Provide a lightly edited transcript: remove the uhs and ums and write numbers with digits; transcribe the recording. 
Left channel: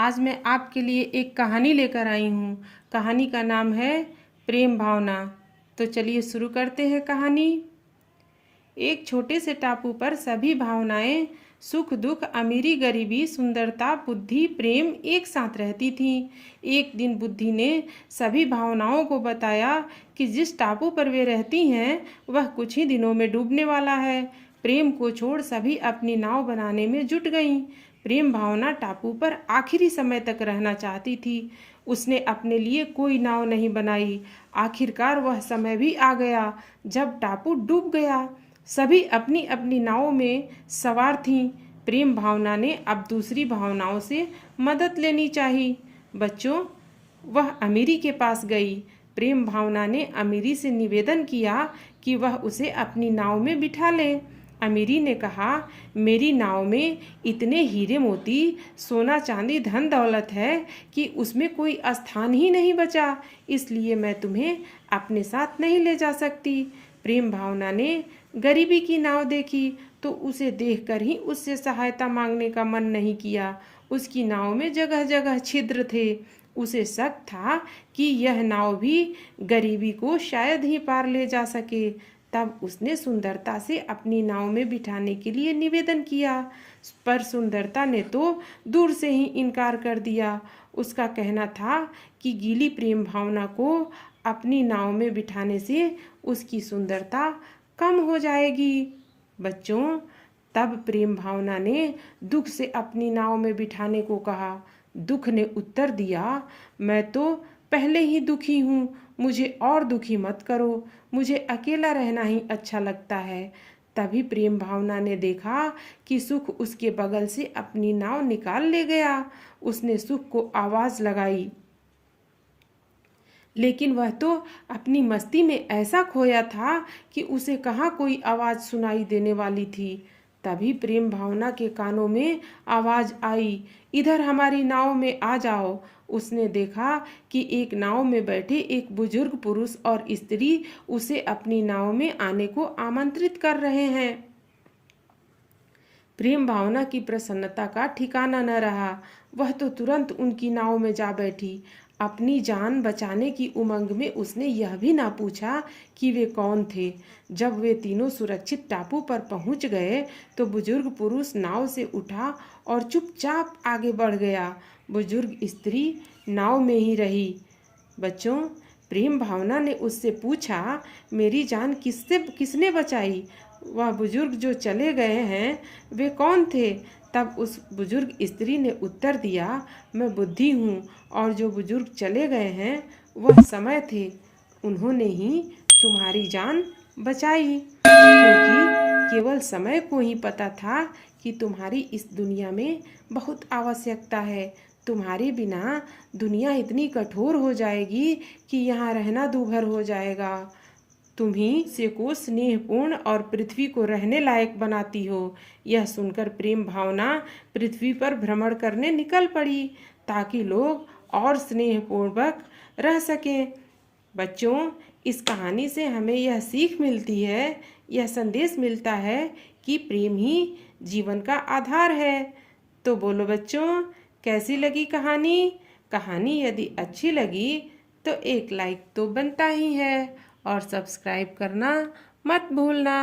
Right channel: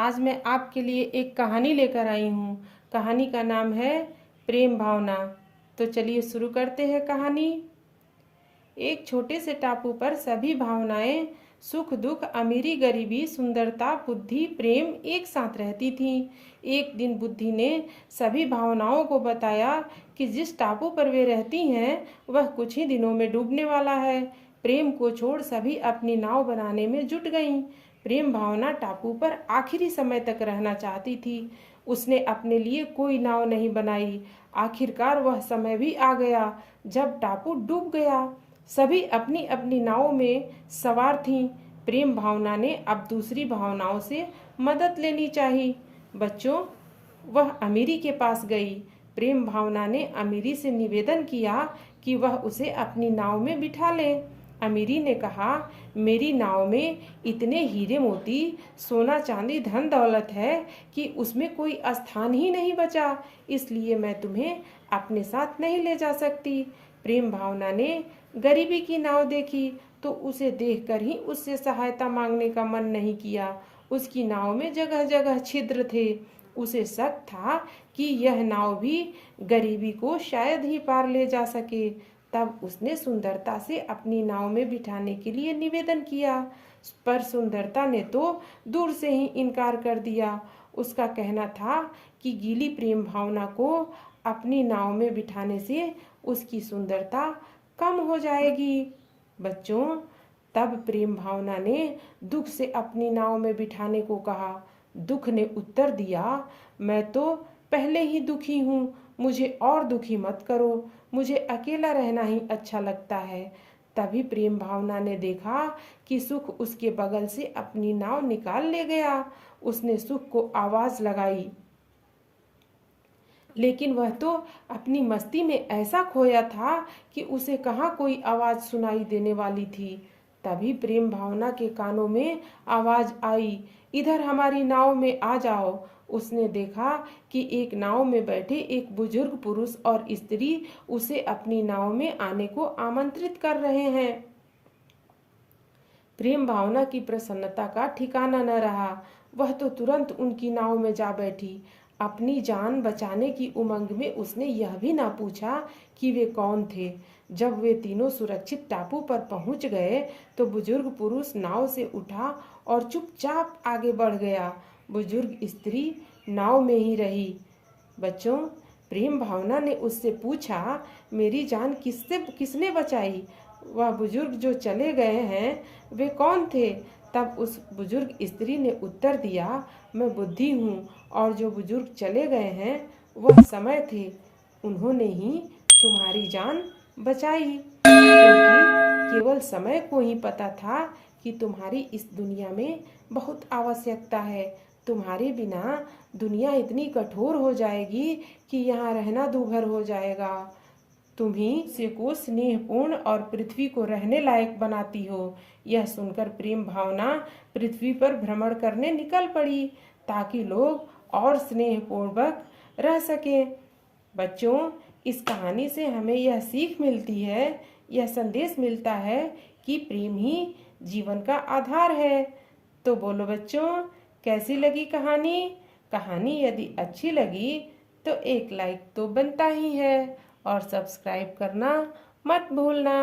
आज मैं आपके लिए एक कहानी लेकर आई हूँ। कहानी का नाम है प्रेम भावना। तो चलिए शुरू करते हैं कहानी। एक छोटे से टापू पर सभी भावनाएं सुख दुख, अमीरी गरीबी, सुंदरता, बुद्धि, प्रेम एक साथ रहती थीं। एक दिन बुद्धि ने सभी भावनाओं को बताया कि जिस टापू पर वे रहती हैं वह कुछ ही दिनों में डूबने वाला है। प्रेम को छोड़ सभी अपनी नाव बनाने में जुट गईं। प्रेम भावना टापू पर आखिरी समय तक रहना चाहती थी। उसने अपने लिए कोई नाव नहीं बनाई। आखिरकार वह समय भी आ गया जब टापू डूब गया। सभी अपनी अपनी नाव में सवार थीं। प्रेम भावना ने अब दूसरी भावनाओं से मदद लेनी चाहिए। बच्चों, वह अमीरी के पास गई। प्रेम भावना ने अमीरी से निवेदन किया कि वह उसे अपनी नाव में बिठा ले। अमीरी ने कहा, मेरी नाव में इतने हीरे मोती, सोना चांदी, धन दौलत है कि उसमें कोई स्थान ही नहीं बचा, इसलिए मैं तुम्हें अपने साथ नहीं ले जा सकती। प्रेम भावना ने गरीबी की नाव देखी तो उसे देखकर ही उससे सहायता मांगने का मन नहीं किया। उसकी नाव में जगह जगह छिद्र थे। उसे शक था कि यह नाव भी गरीबी को शायद ही पार ले जा सके। तब उसने सुंदरता से अपनी नाव में बिठाने के लिए निवेदन किया, पर सुंदरता ने तो दूर से ही इनकार कर दिया। उसका कहना था कि गीली प्रेम भावना को अपनी नाव में बिठाने से उसकी सुंदरता कम हो जाएगी। बच्चों, तब प्रेम भावना ने दुख से अपनी नाव में बिठाने को कहा। दुख ने उत्तर दिया, मैं तो पहले ही दुखी हूँ, मुझे और दुखी मत करो, मुझे अकेला रहना ही अच्छा लगता है। तभी प्रेम भावना ने देखा कि सुख उसके बगल से अपनी नाव निकाल ले गया। उसने सुख को आवाज लगाई, लेकिन वह तो अपनी मस्ती में ऐसा खोया था कि उसे कहाँ कोई आवाज सुनाई देने वाली थी। तभी प्रेम भावना के कानों में आवाज आई, इधर हमारी नाव में आ जाओ। उसने देखा कि एक नाव में बैठे एक बुजुर्ग पुरुष और स्त्री उसे अपनी नाव में आने को आमंत्रित कर रहे हैं। प्रेम भावना की प्रसन्नता का ठिकाना न रहा। वह तो तुरंत उनकी नाव में जा बैठी। अपनी जान बचाने की उमंग में उसने यह भी ना पूछा कि वे कौन थे। जब वे तीनों सुरक्षित टापू पर पहुंच गए तो बुजुर्ग पुरुष नाव से उठा और चुपचाप आगे बढ़ गया। बुजुर्ग स्त्री नाव में ही रही। बच्चों, प्रेम भावना ने उससे पूछा, मेरी जान किसने बचाई? वह बुजुर्ग जो चले गए हैं वे कौन थे? तब उस बुजुर्ग स्त्री ने उत्तर दिया, मैं बुद्धि हूँ, और जो बुजुर्ग चले गए हैं वह समय थे। उन्होंने ही तुम्हारी जान बचाई, क्योंकि केवल समय को ही पता था कि तुम्हारी इस दुनिया में बहुत आवश्यकता है। तुम्हारे बिना दुनिया इतनी कठोर हो जाएगी कि यहाँ रहना दूभर हो जाएगा। तुम ही से को स्नेहपूर्ण और पृथ्वी को रहने लायक बनाती हो। यह सुनकर प्रेम भावना पृथ्वी पर भ्रमण करने निकल पड़ी ताकि लोग और स्नेहपूर्वक रह सके। बच्चों, इस कहानी से हमें यह सीख मिलती है, यह संदेश मिलता है कि प्रेम ही जीवन का आधार है। तो बोलो बच्चों, कैसी लगी कहानी? कहानी यदि अच्छी लगी तो एक लाइक तो बनता ही है और सब्सक्राइब करना मत भूलना।